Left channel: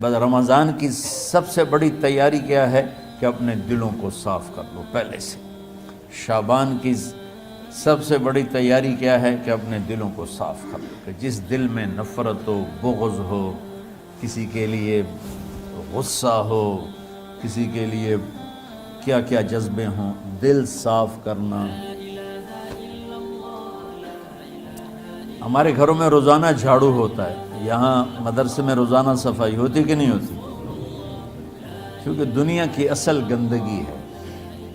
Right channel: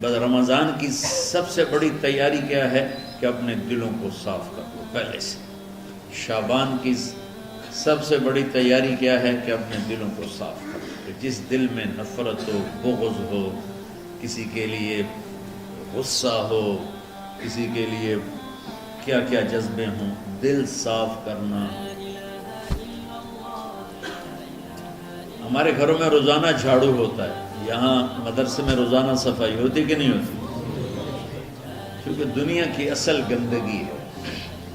بس رمضان کی سب سے بڑی تیاری کیا ہے کہ اپنے دلوں کو صاف کر لو پہلے سے۔ شعبان کی سب سے بڑی تیاری کیا ہے کہ اپنے دلوں کو صاف کر لو۔ جس دل میں نفرت ہو، بغض ہو، کسی کے لیے غصہ ہو، کسی کے لیے کیا کیا جذبے ہوں، دل صاف کرنا۔ ہمارے گھروں میں روزانہ جھاڑو ہوتا ہے، یہاں مدرسے میں روزانہ صفائی ہوتی کہ نہیں ہوتی؟ کیونکہ دنیا کی اصل گندگی ہے،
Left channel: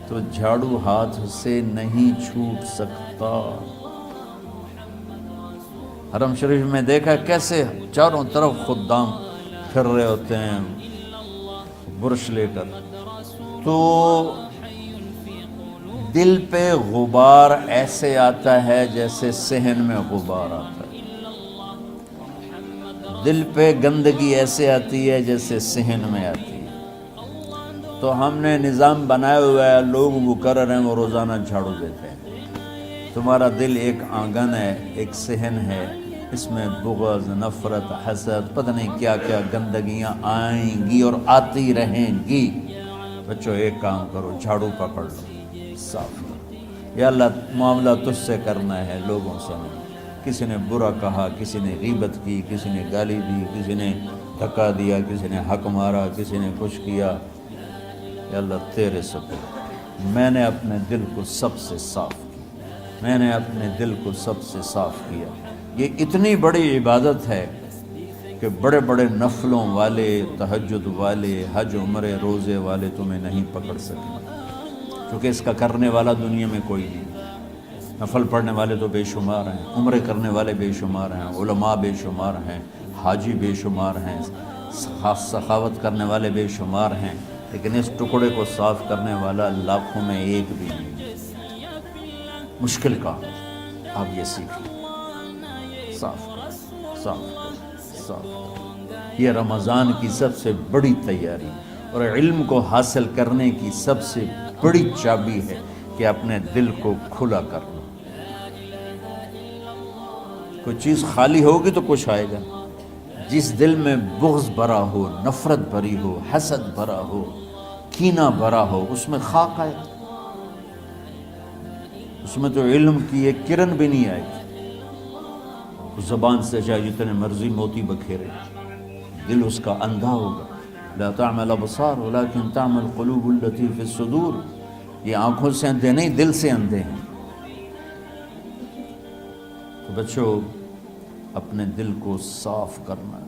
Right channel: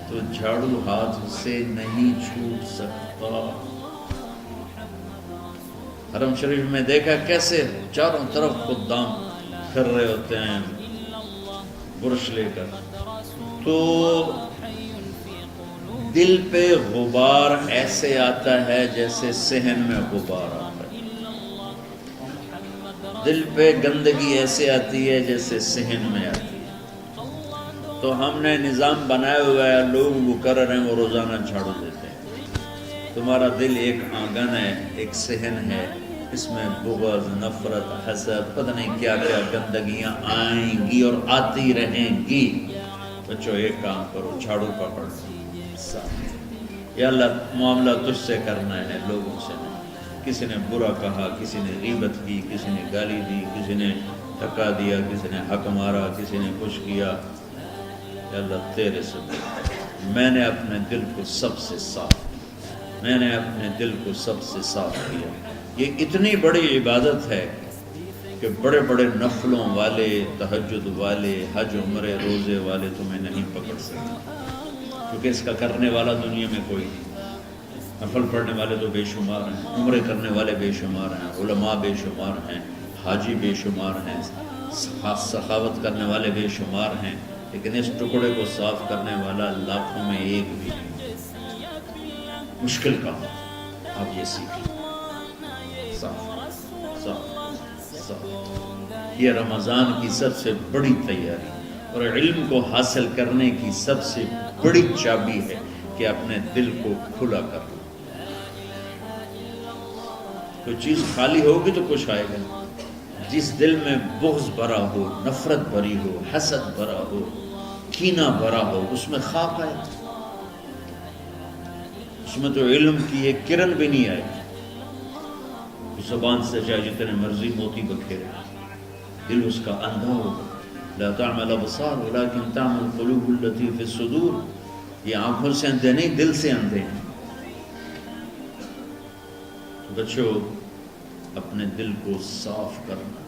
تو جھاڑو ہاتھ سے نہیں چھوٹ سکتا۔ حرم شریف میں دیکھا کیسے چاروں طرف خدام پھر رہے ہوتے ہیں برش لے کر، تو دل پہ غبار ایسے آتا ہے جیسے صحن میں غبار آتا ہے، دل پہ گندگی ایسے آتی ہے جیسے صحن میں آتی ہے۔ تو ہم نے نظام بنایا ہوا ہے، لوگ وہ کر رہے ہیں، وہ روزانہ جھاڑو دیتے ہیں۔ تمہارا دل ایک آنگن ہے، ایک صحن ہے، اس میں بغض، نفرت، حسد، پتہ نہیں کیا کیا گندگیاں آئیں گی اور آتی رہیں گی۔ بچوں ایک کام کرو، جھاڑو پکڑ لو، صاف۔ یا اللہ معاملہ تجھ سے کرنا ہے، لوگوں سے نہیں۔ کسی نے برا کہا، کسی نے غیبت کی، کسی نے گالی دی، کسی نے دھکا دیا، کسی نے حق مارا، کسی نے کچھ کیا، یا اللہ تیرے سبب میں نے اپنے دل کو سب سے صاف کیا، میں نے اپنے دل کو سب سے صاف کیا۔ یہ اتنی بڑی عبادت ہے کہ بڑے بڑے نفلوں والے، تہجد والے، حج عمرے روزے والے تمہیں نہیں پکڑ سکتے، کیونکہ اس کا کرنے والا دنیا میں کوئی نہیں۔ نفل پڑھنے والے تو بے شمار ہیں، عمرے کرنے والے بے شمار ہیں، علماء بے شمار ہیں، حاجی بے شمار ہیں، سخاوت کرنے والے بے شمار ہیں، لیکن اس ٹکڑے کو صاف کرنے والا لاکھوں میں ایک بھی نہیں۔ مشکل کام آپ یہ سیکھیں، صاف صاف صاف۔ یہ رمضان کی سب سے بڑی تیاری اور علم کو حاصل کرنے کی سب سے بڑی چابی ہے کہ اپنے دل کو کھلا کر لو۔ کوئی چیز خالی ہوگی تو کچھ آئے گا۔ جس دل میں بغض بھرا ہو، نفرت بھری ہو، حسد بھرا ہو، کینہ بھرا ہو، اس میں خاک آئے، اس میں تو علم کی ایک کرن بھی نہیں آئے۔ زبان سے چاہے جتنے مرضی موتی بکھیرے، دل اس کا اندھا ہوگا۔ لا تعمل ابصار ولكن تعمل قلوب التي في الصدور۔ یہ آنکھوں سے اندھے نہیں، دل سے اندھے ہیں۔ تو بچوں اپنے دل کو صاف کرنا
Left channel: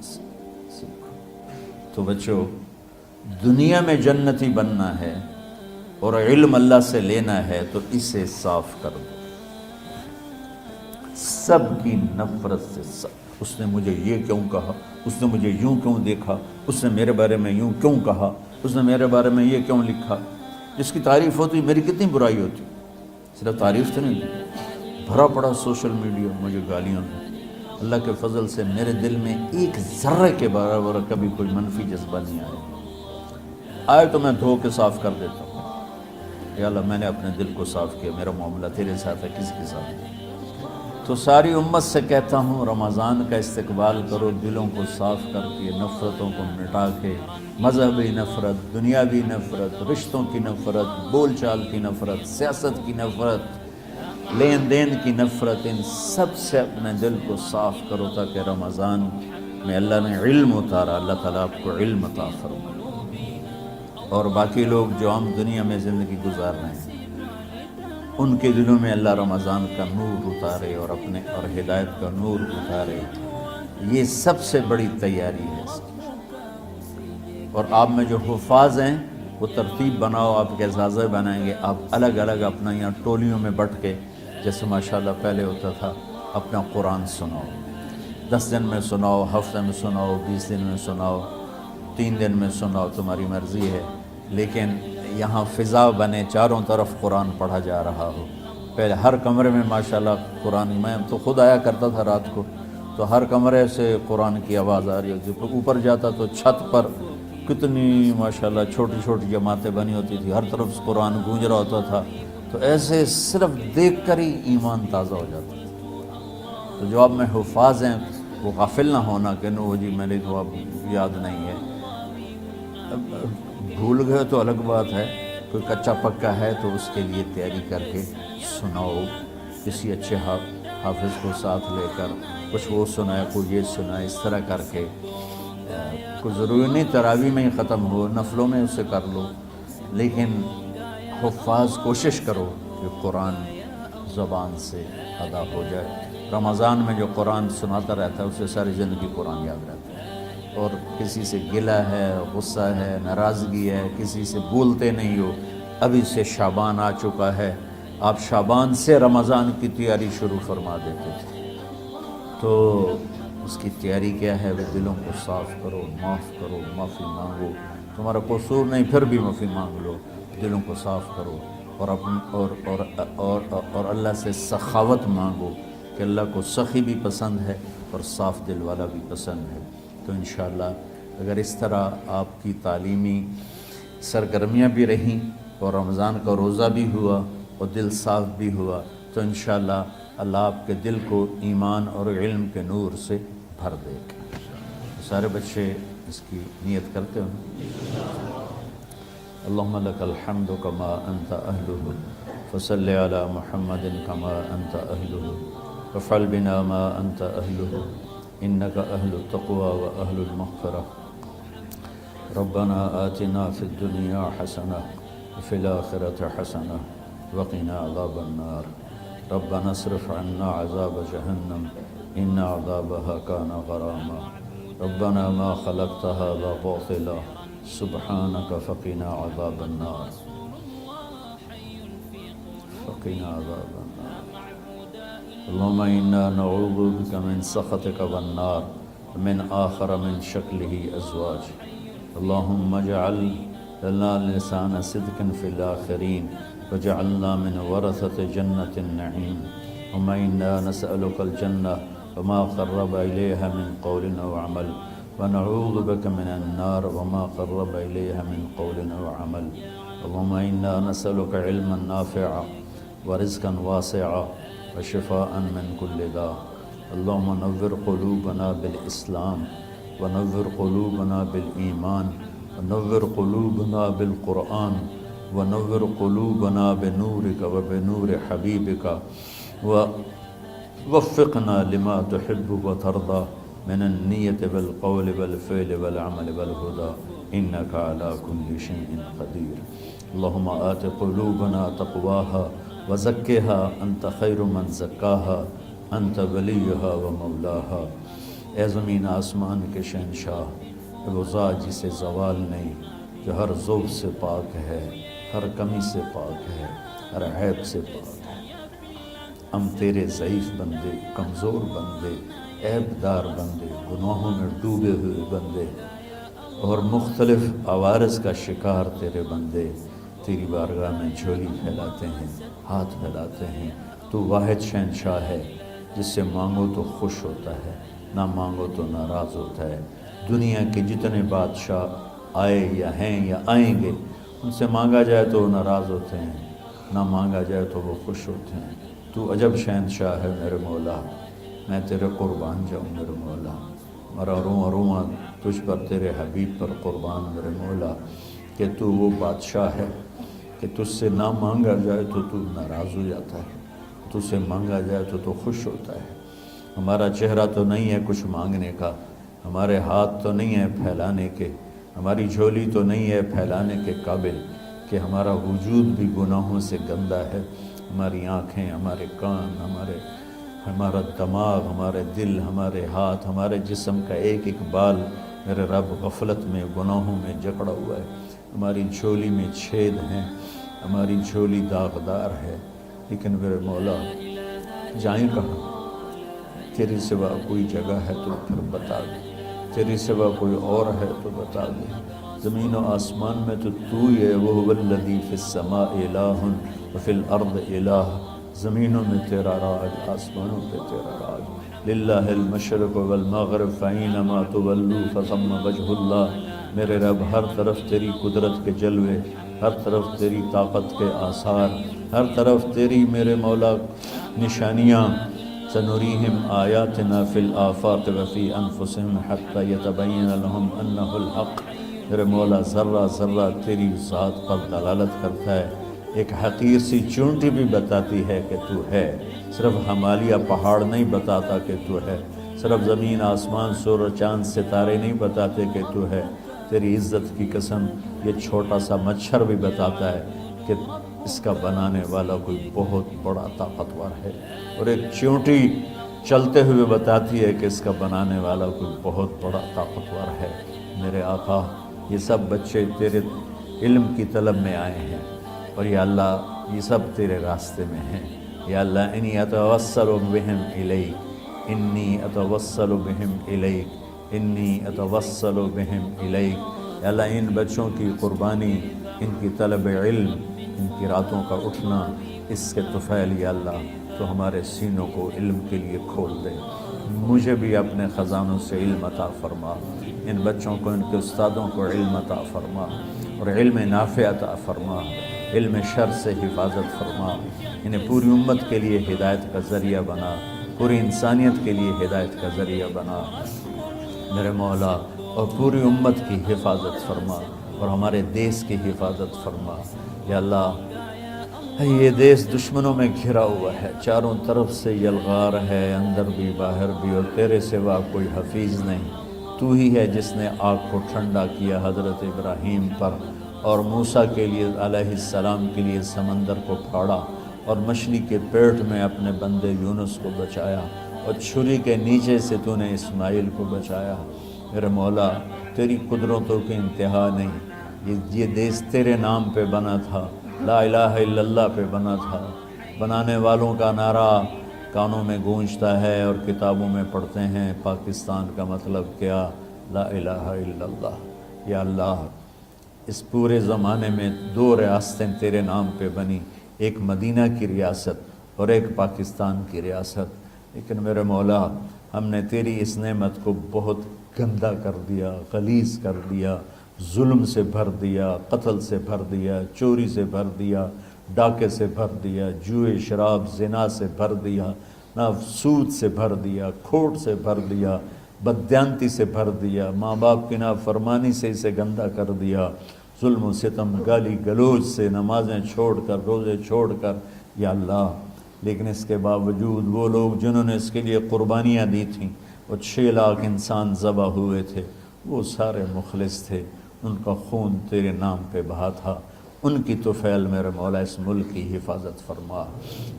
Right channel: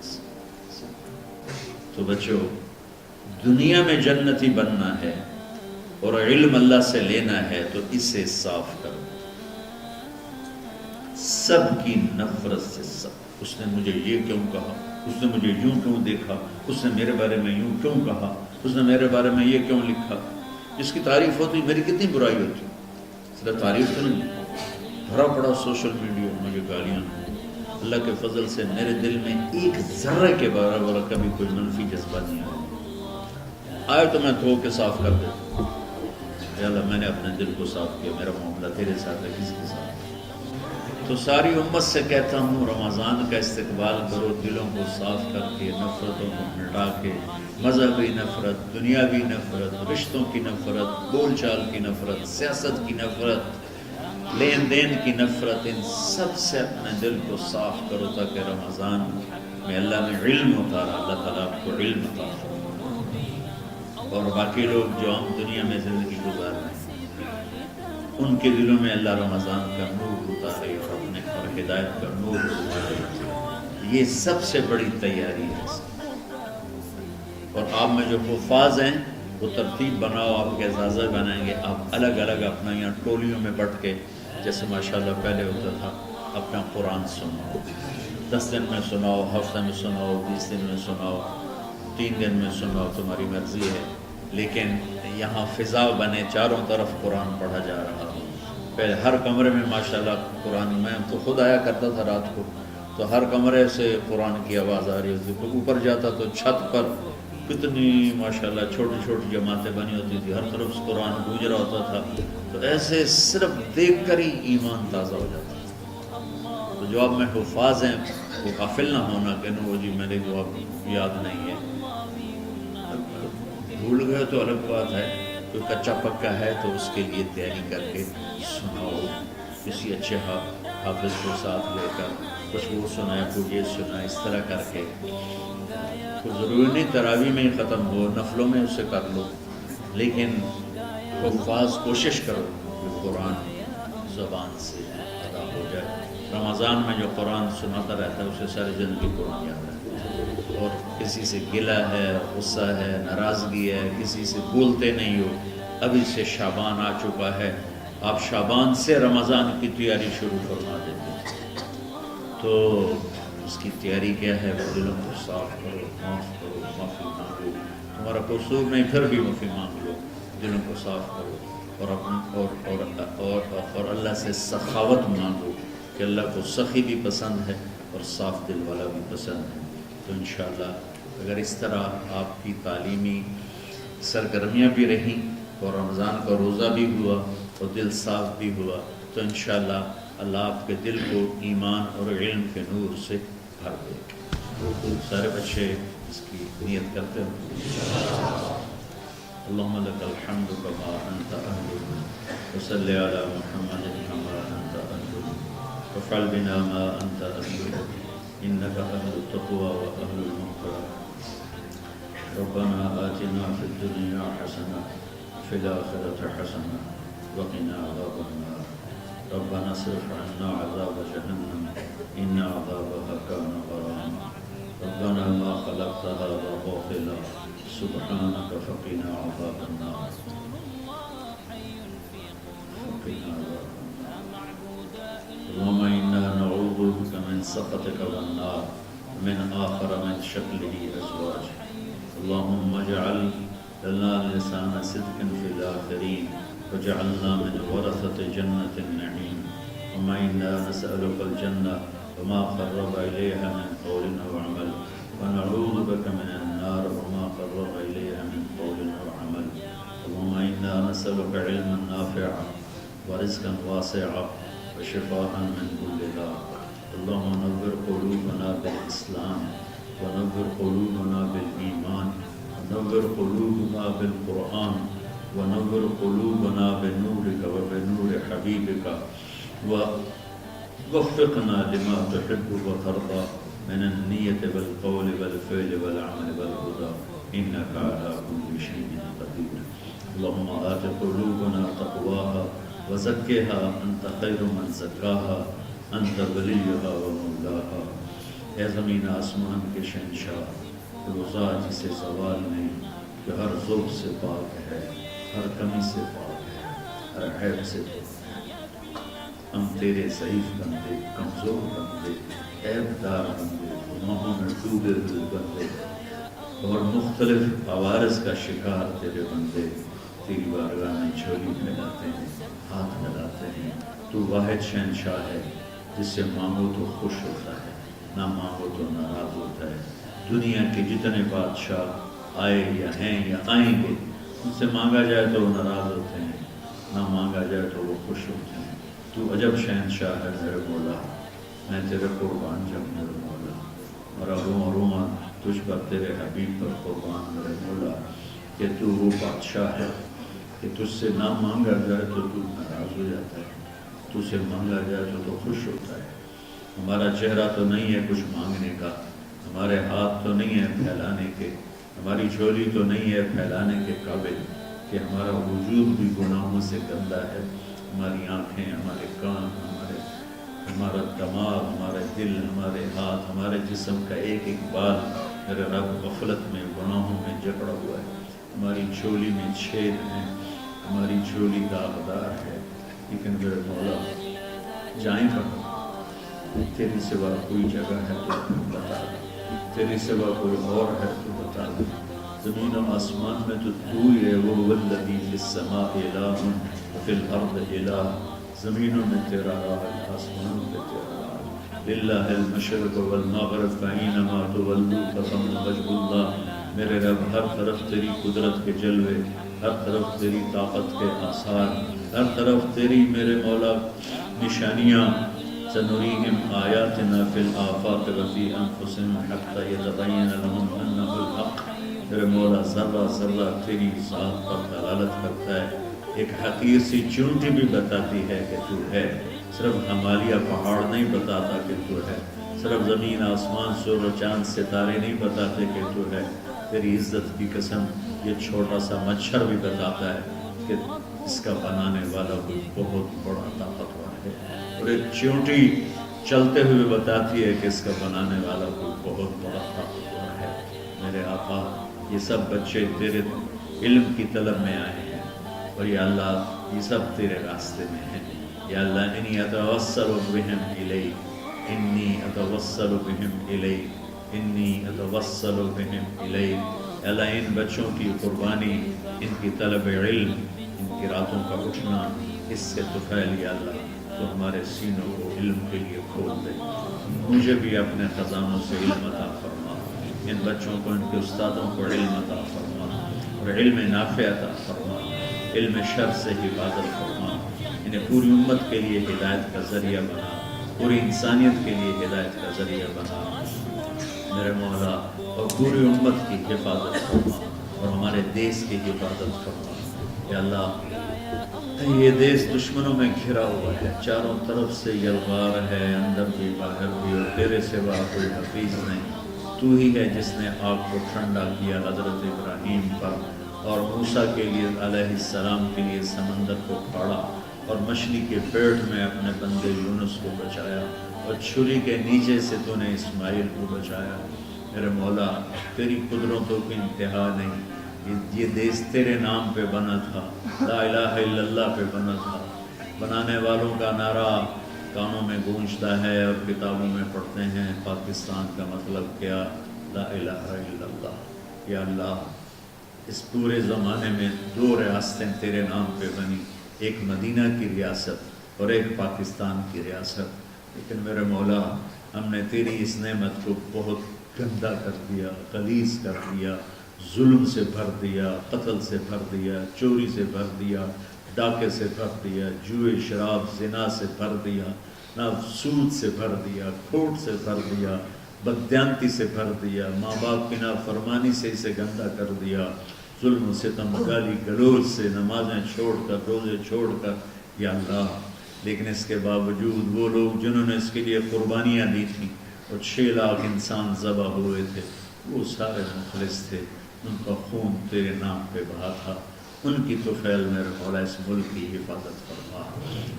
تو بچوں دنیا میں جنتی بننا ہے اور علم اللہ سے لینا ہے تو اسے صاف کرو۔ سب کی نفرت سے صاف۔ اس نے مجھے یہ کیوں کہا، اس نے مجھے یوں کیوں دیکھا، اس نے میرے بارے میں یوں کیوں کہا، اس نے میرے بارے میں یہ کیوں لکھا۔ جس کی تعریف ہوتی میری کتنی برائی ہوتی، صرف تعریف تو نہیں، بھرا پڑا سوشل میڈیا مجھے گالیاں۔ اللہ کے فضل سے میرے دل میں ایک ذرے کے برابر کبھی کوئی منفی جذبہ نہیں آیا، آئے تو میں دھو کے صاف کر دیتا ہوں۔ یا اللہ میں نے اپنے دل کو صاف کیا، میرا معاملہ تیرے ساتھ ہے، کسی کے ساتھ ہے۔ تو ساری امت سے کہتا ہوں رمضان کا استقبال کرو، دلوں کو صاف کر کے، نفرتوں کو مٹا کے، مذہبی نفرت، دنیاوی نفرت، رشتوں کی نفرت، بول چال کی نفرت، سیاست کی نفرت، لین دین کی نفرت، ان سب سے اپنے دل کو صاف کرو تاکہ رمضان میں اللہ نے علم اتارا، اللہ تعالیٰ آپ کو علم عطا فرمائے، اور باقی لوگ جو ہم دنیا میں زندگی گزار رہے ہیں ان کے دلوں میں اللہ رمضان کا نور اتارے اور اپنے اور ہدایت کا نور اتارے۔ یہ سب سے بڑی تیاری ہے۔ اور آپ میں جو حفاظ ہیں وہ ترتیب بناؤ، آپ کے اعزازہ بنائیں گے، آپ الگ الگ اپنا یہاں ٹولیوں میں بٹ کے، جیسے ماشاءاللہ پہلے ہوتا تھا، اپنا قرآن سناؤ، 10 دن میں سناؤ، ہفتہ میں سناؤ، 20 دن میں سناؤ، 3 دن میں سناؤ، تمہاری مرضی ہے، لیکن یہاں فضا بنے، چاروں طرف قرآن پڑھا جا رہا ہو۔ پہلے ہر کمرے میں ماشاءاللہ قرآن، میں تو خود آیا کرتا تھا رات کو، تو ہر کمرے سے قرآن کی آواز آ رہی ہوتی، اوپر جاتا تو چھت پر کتنی ماشاءاللہ چھوٹی چھوٹی جماعتیں بنی ہوتی تھی، ہر طرف سے قرآن گونج رہا ہوتا تھا، تو ایسے صرف دیکھ کر ہی ایمان تازہ ہو جاتا ہے۔ تو جو آپ میں حفاظ ہیں وہ غافل نہ ہونا کہ نو جی میرے کو اب یاد نہیں ہے، بھول گئے تو الگ بات ہے، کوئی کچا پکا ہے تو اس کے لیے تیاری کر کے سناؤ، کسی اچھے حافظ کو ساتھ لے کر کچھ وہ سنائے، کوئی یہ سنائے، اس طرح کر کے. کوئی ضروری نہیں تراویح میں ہی ختم ہو، نفلوں میں اسے کر لو، لیکن حفاظ کوشش کرو کہ قرآن زبان سے ادا ہو جائے. رمضان میں جو قرآن سناتا رہتا ہے اسے ساری زندگی قرآن یاد رہتا ہے. اور کسی سے گلہ ہے، غصہ ہے، ناراضگی ہے، کسی سے بولتے نہیں ہو، ابھی سے شعبان آ چکا ہے، آپ شعبان سے رمضان کی تیاری شروع فرما دیتے. تو اس کی تیاری کیا ہے؟ وہ دلوں کو صاف کرو، معاف کرو، معافی مانگو. تمہارا قصور نہیں پھر بھی معافی مانگ لو، دلوں کو صاف کرو. اور اللہ سے سخاوت مانگو کہ اللہ کو سخی بھی پسند ہے اور صاف دل والا بھی پسند ہے. تو انشاءاللہ اگر اس طرح آپ کی تعلیمی سرگرمیاں بھی رہیں اور رمضان کا روزہ بھی ہوا اور دل صاف بھی ہوا، تو انشاءاللہ اللہ آپ کے دل کو ایمان اور علم کے نور سے بھر دے. سارے بچے اس کی نیت کرتے ہیں. اللہم لک الحمد کما انت اہلہ وصلی علی محمد کما انت اہلہ وافعل بنا ما انت اہلہ انک اہل التقوی و اہل المغفرہ. ربنا آتنا فی الدنیا حسنہ وفی الآخرۃ حسنہ وقنا عذاب النار. ربنا اصرف عنا عذاب جہنم ان عذابها كان غراما. ربنا ما خلقت هذا باطلا سبحانك فقنا عذاب النار. فقنا عذاب النار. اللهم إنا نعوذ بك من سخطك والنار ومن آخر من شكله أزواج. اللهم اجعل لنا لسان صدق في الآخرين وجعلنا من ورثة جنة النعيم. اللهم إنا نسألك الجنة وما قرب إليها من قول أو عمل ونعوذ بك من النار وما قرب إليها من قول أو عمل. اللهم إنا نسألك علما نافعا ورزقا واسعا وشفاء من كل داء. اللهم نور قلوبنا بالإسلام ونور قلوبنا بالإيمان ونور قلوبنا بالقرآن ونور قلوبنا بنورك وبنور حبيبك ووفقنا لما تحب وترضى من النية والقول والفعل والعمل والهدى إنك على كل شيء قدير. اللهم آت قلوبنا تقواها وزكها أنت خير من زكاها أنت وليها ومولاها. اے زمین آسمان کے شہنشاہ، روزہ جسے زوال نہیں، جو ہر ذوق سے پاک ہے، ہر کمی سے پاک ہے، ہر عیب سے پاک ہے. ہم تیرے ضعیف بندے، کمزور بندے، عیب دار بندے، گناہوں میں ڈوبے ہوئے بندے اور مختلف عوارض کا شکار تیرے بندے تیری بارگاہ میں جھولی پھیلاتے ہیں، ہاتھ پھیلاتے ہیں. تو واحد شہنشاہ ہے جس سے مانگو تو خوش ہوتا ہے، نہ مانگو تو ناراض ہوتا ہے. دنیا کے جتنے بادشاہ آئے یا ہیں یا آئیں گے، ان سے مانگا جائے تو وہ ناراض ہوتے ہیں، نہ مانگا جائے تو وہ خوش ہوتے ہیں. تو عجب شہنشاہ ہے میرے مولا، میں تیرے قربان جاؤں میرے مولا. میرا روما روما تجھ پر، تیرے حبیب پر قربان میرے مولا، کہ تو وہ بادشاہ ہے کہ تجھ سے نہ مانگا جائے تو تو ناراض ہو جاتا ہے، تجھ سے مانگا جائے تو خوش ہوتا ہے. ہمارا چہرہ تو نہیں ہے کچھ مانگنے کا، ہمارے ہاتھ تو نہیں ہے پھیلانے کے، ہماری جھولی تو نہیں ہے پھیلانے کے قابل، کہ ہمارا وجود بھی گناہوں سے گندا ہے. ہماری آنکھیں، ہمارے کان، ہمارا دماغ، ہمارے دل، ہمارے ہاتھ، ہمارے جسم کا ایک ایک بال میرے رب غفلت میں، گناہوں میں جکڑا ہوا ہے. ہماری جھولی میں چھید ہیں، ہماری جھولی داغدار ہے. لیکن میرے مولا جائیں کہاں؟ تیرے سوا کوئی جگہ ہے تو بتا دے، تیرے سوا کوئی اور ہے تو بتا دے. زمین و آسمان میں تو ہی ہے. وَهُوَ الَّذِي فِي السَّمَاءِ إِلَٰهٌ وَفِي الْأَرْضِ إِلَٰهٌ. زمینوں میں تیرا راج، آسمانوں پہ تیرا راج. لِلَّهِ الْمَشْرِقُ وَالْمَغْرِبُ فَأَيْنَمَا تُوَلُّوا فَثَمَّ وَجْهُ اللَّهِ. میرے رب ہر طرف تیری قدرت کے جلوے، ہر طرف تیری طاقت کے آثار، ہر طرف تیری میرے مولا نشانیاں. سنريهم آياتنا في الآفاق وفي أنفسهم حتى يتبين لهم أنه الحق میرے مولا ذرہ ذرہ تیری ذات پر دلالت کرتا ہے، ایک حقیر سی چونٹی بھی بتاتی ہے کہ تو ہے، صرف ہمالیہ پہاڑ نہیں بتاتا کہ تو ہے، صرف زمین آسمان سور و چاند ستارے نہیں بتاتے کہ تو ہے، تیری عزت کی قسم یہ چھوٹا سا مچھر بھی بتاتا ہے کہ اس کا بنانے والا کوئی بہت بڑا طاقتور ہے، اور ایک چونٹی چلتے ہوئے بتاتی ہے کہ اس کا بنانے والا کوئی بہت بڑا طاقتور ہے۔ میرے آقا، یہ سب بچے تیرے علم کی طلب میں آئے ہیں، اور یا اللہ یہ سب تیرے راستے میں ہیں۔ یا اللہ انی اتوسل بہم الیک، انی اتوسل بہم الیک، انی اتوسل بہم الیک۔ یا اللہ ان بچوں کی قربانی، ان کی طلب علم، ان کی راتوں کا اٹھنا، اس سے طفیل یا اللہ تو ہمارے سینوں کو علم کے لیے کھول دے۔ مجھے بھی اپنے خزانوں سے علم عطا فرما، ان بچوں کو، ان کے استادوں کو علم عطا فرما، اور علم نافع عطا فرما، علم شر سے حفاظت فرما، انہیں پوری امت کے لیے ہدایت کا ذریعہ بنا، پوری انسانیت کے لیے ہدایت کا ذریعہ بنا میرے مولا، اور پوری امت کی حفاظت فرما، اور ہمارے دیس کی حفاظت فرما۔ یا اللہ یہ دیس دشمنوں میں گھرا ہوا ہے، چاروں طرف سے یلغار ہے، اندر بھی باہر بھی، اور تیرے سوا کوئی حفیظ نہیں۔ تو ہی ہے جس نے آگ کو ٹھنڈا کیا حضرت ابراہیم پر، اور موسیٰ کے لیے علیہ السلام کے لیے سمندر کو پھاڑا، اور مچھلی کے پیٹ میں اپنے بندے یونس کو بچایا، اور چھری کے نیچے سے تو نے اسماعیل کو بچایا۔ میرے مولا تیری قدرتوں کی انتہا نہیں، یہ دیس تیرے نام پہ بنا تھا، لا الہ الا اللہ پہ بنا تھا۔ بنانے والوں کا نعرہ کانوں میں گونجتا ہے اور کتابوں میں پڑھتے ہیں، پاکستان کا مطلب کیا؟ لا الہ الا اللہ۔ یا اللہ اس پورے زمانے میں 2 ریاستیں تیرے نام پہ بنی، ایک مدینہ کی ریاست اور ایک پاکستان کی ریاست، لیکن میرے مولا ہم نے تیری اس نعمت کو بہت گندا کر دیا، غلیظ کر دیا، ظلم سے بھر دیا، قتل سے بھر دیا، چوری سے بھر دیا، ڈاکے سے بھر دیا، جوئے شراب زنا سے بھر دیا، نہ سود سے بھر دیا، کھوٹ سے بھر دیا، بددیانتی سے بھر دیا، ماں باپ کی نافرمانی سے اسے گندا کر دیا، ظلم و ستم، گالی گلوچ سے، نمازیں چھوڑ کر، روزے چھوڑ کر، یا اللہ۔ لیکن اس کے باوجود وہ لوگ جنہوں نے اس کے لیے قربانیاں دی تھیں، اور 6 لاکھ انسان ذبح ہوئے تھے، وہ سارے مخلص تھے، ان کا خون تیرے نام پہ بہا تھا۔ ان کی طفیل میرے مولا اس ملک کی حفاظت فرما،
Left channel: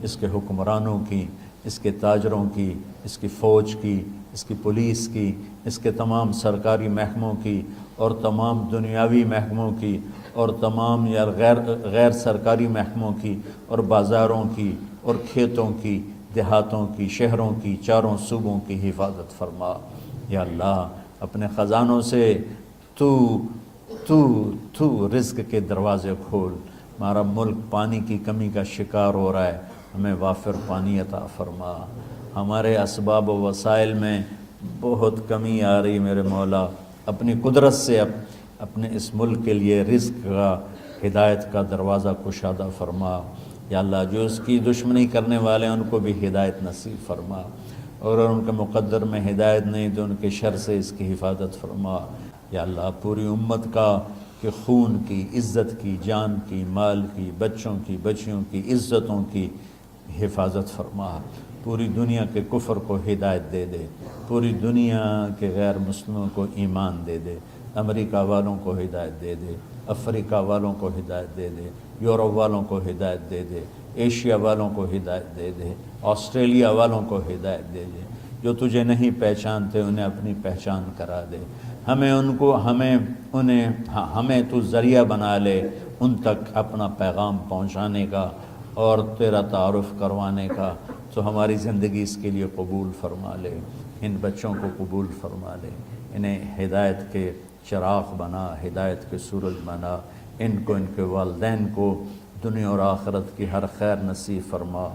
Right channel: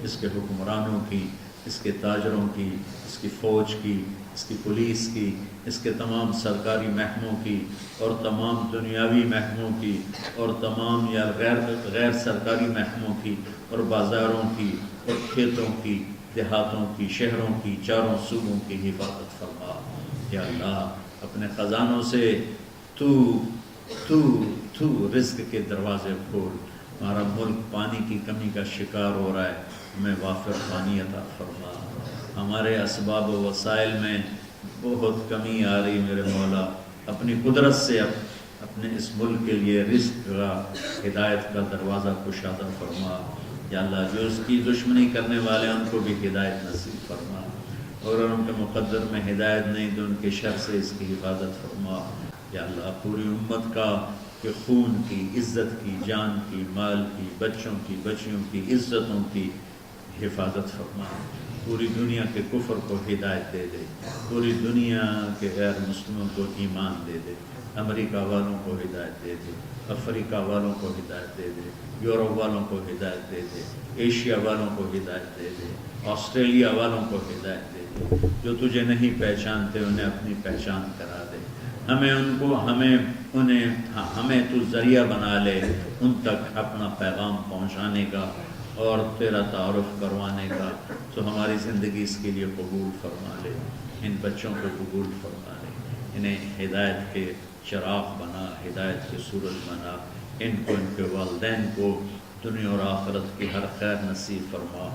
اس کے حکمرانوں کی، اس کے تاجروں کی، اس کی فوج کی، اس کی پولیس کی، اس کے تمام سرکاری محکموں کی، اور تمام دنیاوی محکموں کی، اور تمام یا غیر سرکاری محکموں کی، اور بازاروں کی، اور کھیتوں کی، دیہاتوں کی، شہروں کی، چاروں صوبوں کی حفاظت فرما۔ یا اللہ اپنے خزانوں سے تو رزق کے دروازے کھول۔ ہمارا ملک پانی کی کمی کا شکار ہو رہا ہے، ہمیں وافر پانی عطا فرما۔ ہمارے اسباب و وسائل میں بہت کمی آ رہی میرے مولا، اپنی قدرت سے اپنے اس ملک کے لیے رزق کا، ہدایت کا دروازہ کشادہ فرما۔ یا اللہ جو اس کی دشمنی کرنے والے ہیں ان کو بھی ہدایت نصیب فرما، اور ان کے مقدر میں ہدایت نہیں تو ان کے شر سے اس کی حفاظت فرما۔ یا اللہ پوری امت کا کہ خون کی، عزت کی، جان کی، مال کی، بچوں کی، بچیوں کی، عزتوں کی حفاظت فرما۔ پوری دنیا کے کفر کو ہدایت دے دے، پوری دنیا کے غیر مسلموں کو ایمان دے دے، امریکہ والوں کو ہدایت دے دے، افریقہ والوں کو ہدایت دے دے، یورپ والوں کو ہدایت دے دے، ایشیا والوں کو ہدایت دے دے، آسٹریلیا والوں کو ہدایت دے دے، جو تجھے نہیں پہچانتے انہیں اپنی پہچان کرا دے۔ ہمیں تو ذریعہ بنا لے ان تک اپنا پیغام پہنچانے کا اور تیرا تعارف کروانے کا، تو ہماری زندگی اس کے لیے قبول فرما لے، ان بچوں کو قبول فرما لے، انہیں ہدایت کے چراغ بنا، ہدایت کے سورج بنا، ان کو، ان کے والدین کو دنیا اور آخرت کی ہر خیر نصیب فرما،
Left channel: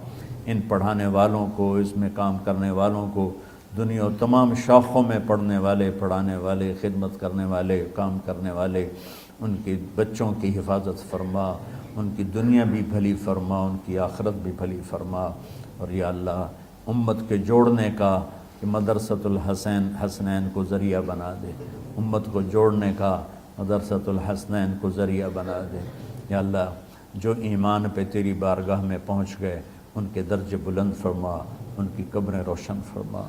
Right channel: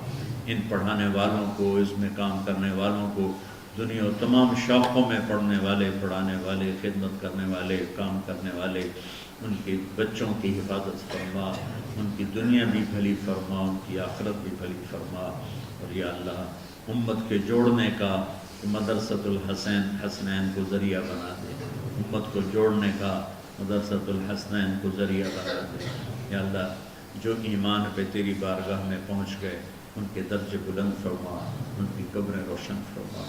ان پڑھانے والوں کو، اس میں کام کرنے والوں کو، دنیا اور تمام شاخوں میں پڑھنے والے، پڑھانے والے، خدمت کرنے والے، کام کرنے والے، ان کے بچوں کی حفاظت فرما، ان کی دنیا بھی بھلی فرما، ان کی آخرت بھی بھلی فرما۔ اور یا اللہ امت کے جوڑنے کا کہ مدرسۃ الحسنین کو ذریعہ بنا دے، امت کو جوڑنے کا مدرسۃ الحسنین کو ذریعہ بنا دے۔ یا اللہ جو ایمان پہ تیری بارگاہ میں پہنچ گئے ان کے درجے بلند فرما، ان کی قبریں روشن فرما۔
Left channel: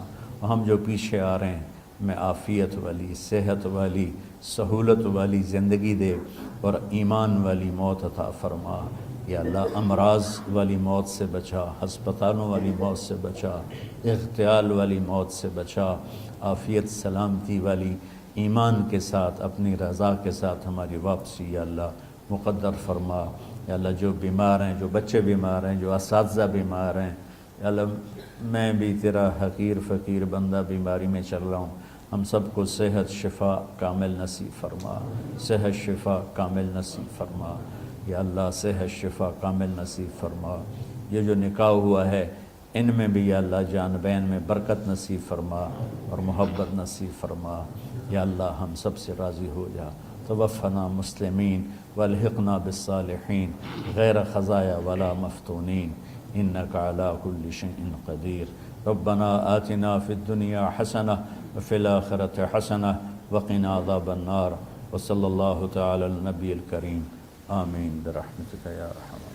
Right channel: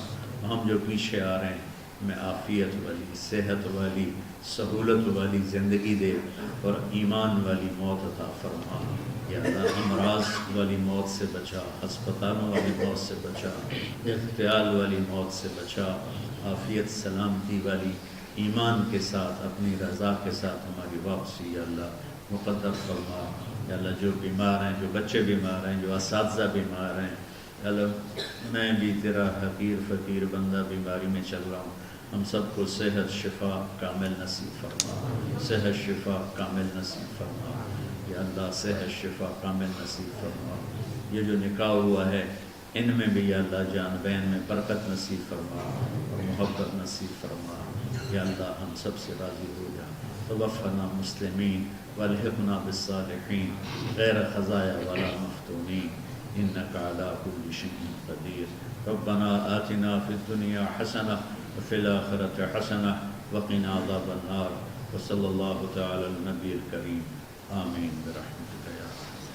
ہم جو پیچھے آ رہے ہیں میں عافیت والی، صحت والی، سہولت والی زندگی دے اور ایمان والی موت عطا فرما۔ یا اللہ امراض والی موت سے بچا، ہسپتالوں والی موت سے بچا، اغتیال والی موت سے بچا، عافیت سلامتی والی ایمان کے ساتھ اپنی رضا کے ساتھ ہماری واپسی یا اللہ مقدر فرما۔ یا اللہ جو بیمار ہیں، جو بچے بیمار ہیں، جو اساتذہ بیمار ہیں، یا اللہ میں بھی تیرا حقیر فقیر بندہ بیماری میں چل رہا ہوں، ہم سب کو صحت شفا کامل نصیب فرما، صحت شفا کامل نصیب فرما۔ یا اللہ صحت شفا کامل نصیب فرما۔ یہ جو نکاح ہوا ہے ان میں بھی یا اللہ جان بین میں برکت نصیب فرما اور محبت نصیب فرما۔ یا اللہ ہم سب سے راضی ہو جا۔ توفنا مسلمین والحقنا بالصالحین غیر خزایا ولا مفتونین انک علی کل شیء قدیر۔ ربنا آتنا فی الدنیا حسنہ وفی الآخرۃ حسنہ وقنا عذاب النار۔ وصلی اللہ تعالی علی النبی الکریم آمین برحمتک یا ارحم۔